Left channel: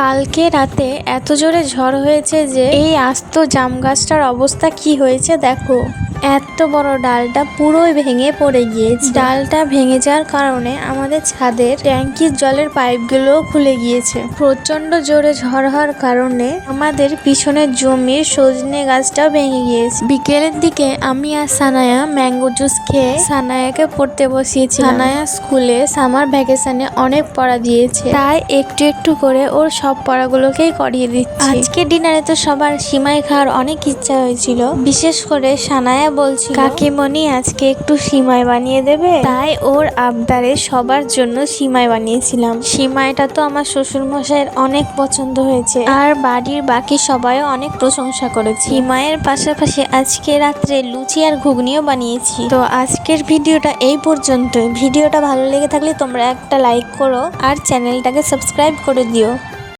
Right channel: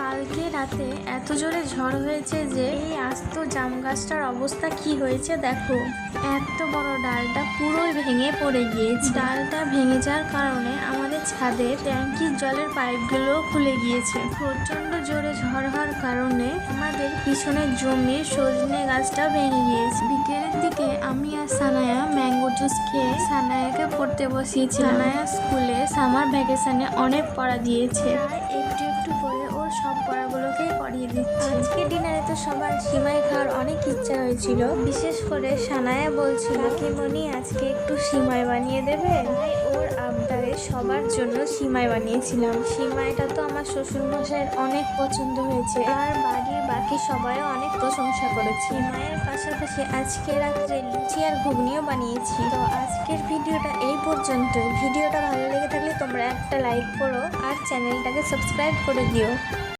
কালকে রাতে এত জোরে ঝড় হয়েছে যে এই আস্ত জাম গাছটার অবস্থা কি হয়েছে দেখো। এত বড় ডালটা পুরোই ভেঙে পড়ে গিয়েছে। ডালটা ভেঙে যাওয়ার কারণে আমাদের ছাদের ট্যাঙ্কির জলের পাইপগুলো খুলে গিয়েছে। প্রচন্ড জোরে ঝড় হওয়ার কারণে আমাদের পিছনের জমির সজনে গাছটাও ভেঙে গিয়েছে। বিকেলের দিকে আমি আর সানায়া ম্যাঙ্গো জুস খেয়ে সানায়াকে পড়তে বসিয়েছি। সানায়া স্কুলে সামার ভ্যাকেশনে অনেক পড়া দিয়েছে, তাই একটু একটু করে ওর সব পড়াগুলোকেই করিয়ে দিচ্ছি। আজকে ডিনারে তো সবার সিমাই খাওয়ার অনেক ইচ্ছা হয়েছিল, বিশেষ করে সানায়া বলছিল কাকিমণি আজকে একটু সিমাই বানিয়ে দেবে, তাই ওর আবদারে সবার জন্য সিমাই বানিয়েছিলাম। সিমাইটা তো আমার শ্বশুর মশাইয়ের অনেক পছন্দ হয়েছে আর বাড়ির বাকি সবাইও অনেক প্রশংসা করেছে। সিমাইয়ের পাশাপাশি আজকে রাত্রে লুচি আর ঘুগনিও বানিয়েছি। তো আজকের ভিডিওটা এই পর্যন্ত। ভিডিওটা ভালো লেগে থাকলে তোমরা একটা লাইক করো আর চ্যানেলটাকে সাবস্ক্রাইব করে দিও।